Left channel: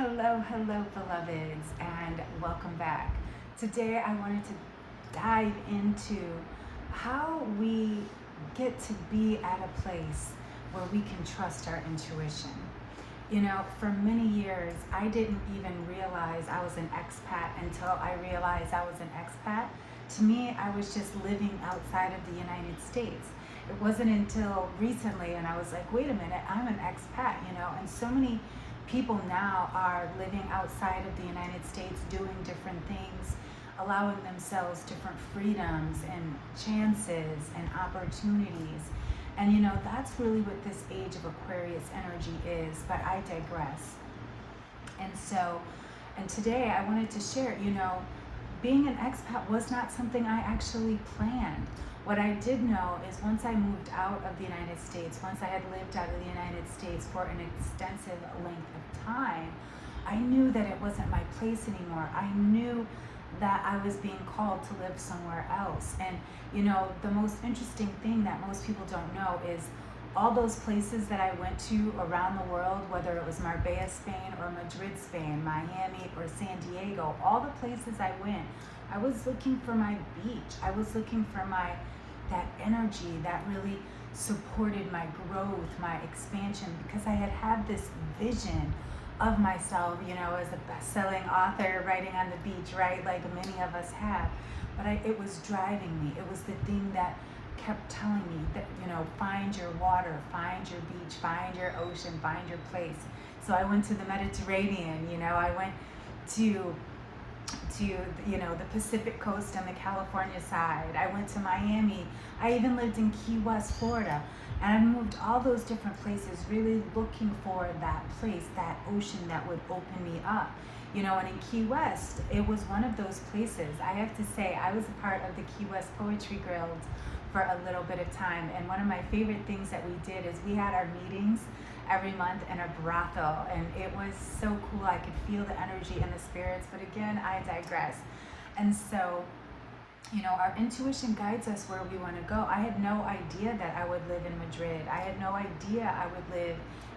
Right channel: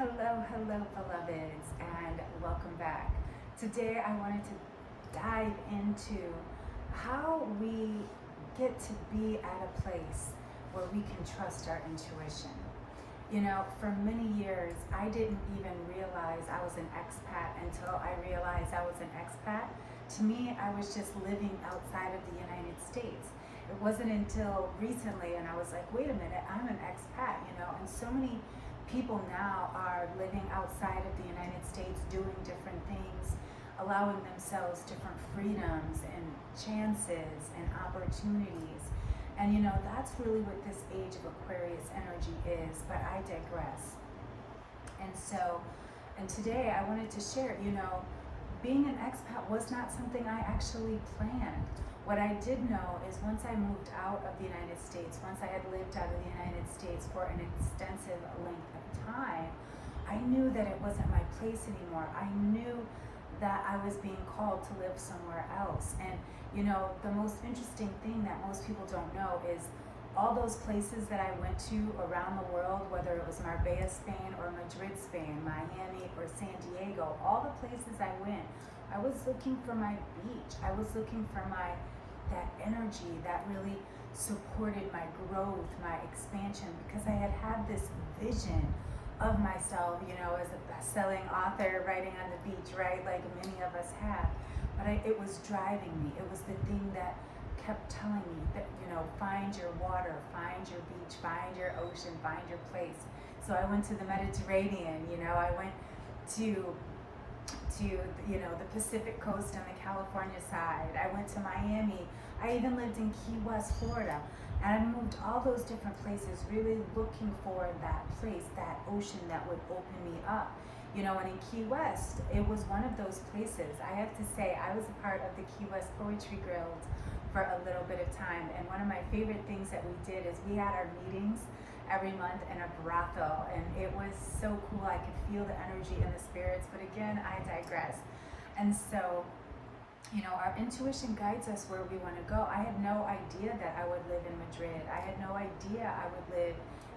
Hello, beloveds, and welcome back. Today I wanted to dive into how we get to be at a place where we can trust our intuition. You know, for many years, I didn't even realize I was an expat until I realized I was an expat. To me, I was just living outside of the United States. It wasn't until recently, and I was like, wait a minute, I'm an expat, and so many people now are living outside of the United States doing different things, allowing themselves different freedoms and chances and opportunities. And that's really what this age of Aquarius energy is, but I digress. And today I wanted to share, being an expat was not something I actually planned. What I did know is once I moved out of the United States, once I had lived out of the United States for an extensive length of time, I knew that it wasn't my place anymore. I knew that I was being called to live somewhere else. And the most interesting thing that most people don't know is all those places that I went to around the world, whether it was Marbella, Spain, or Madrid, Spain, Miami, or San Diego, all the places I went, I was looking for my beach. I was looking for that energy that really supported my growth, my expansion, because I had this vision of myself, as a best-selling author writing on the beach, right? Like many of us have. But it was driving me. It was the thing that kept telling me that, find your water, find your beach, find your ocean, find your place. So I went to the Mediterranean, I went to the Pacific coast and the California side. I went to Miami. I even lived in Key West, Florida. And I moved all those different places, really looking for that place, that ocean that would open me up. And in Key West, it was one of those places. I have to say, I was a part of the Key West Poetry Guild for a little bit of time. And one of my favorite things that we did is we had our meetings every month in a brothel. And it was so cool. I could feel the energy and the spirits. But again, I digress. And so, our intuition guides us where we want to go. I had no idea that I would live in Madrid. I had no idea I would live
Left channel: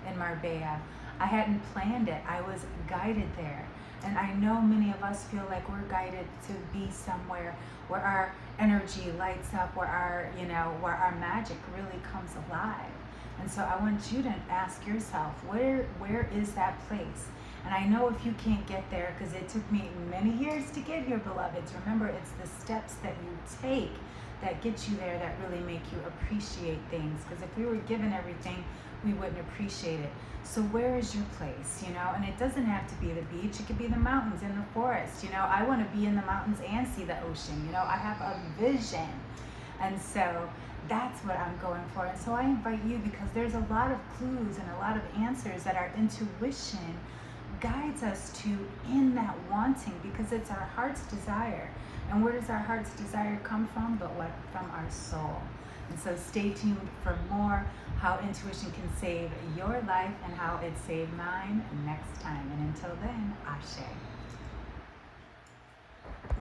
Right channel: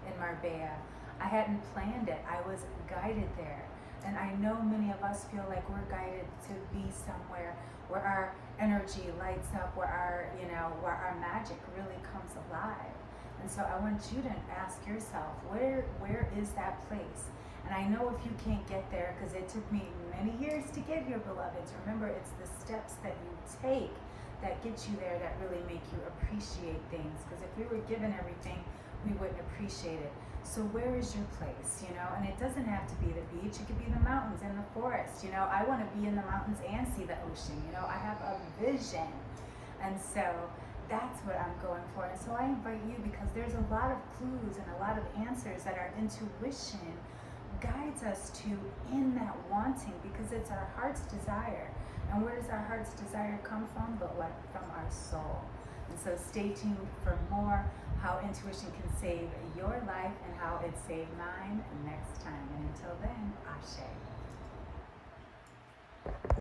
in Marbella. I hadn't planned it. I was guided there. And I know many of us feel like we're guided to be somewhere where our energy lights up, where our magic really comes alive. And so I want you to ask yourself, where is that place? And I know if you can't get there, because it took me many years to get here, beloveds. Remember, it's the steps that you take that get you there that really make you appreciate things. Because if we were given everything, we wouldn't appreciate it. So where is your place, And it doesn't have to be the beach. It could be the mountains and the forest. I want to be in the mountains and see the ocean. I have a vision. And so that's what I'm going for. And so I invite you, because there's a lot of clues and a lot of answers that our intuition guides us to in that wanting, because it's our heart's desire. And where does our heart's desire come from? But what? From our soul. And so stay tuned for more how intuition can save your life and how it saved mine next time. And until then, Ashe.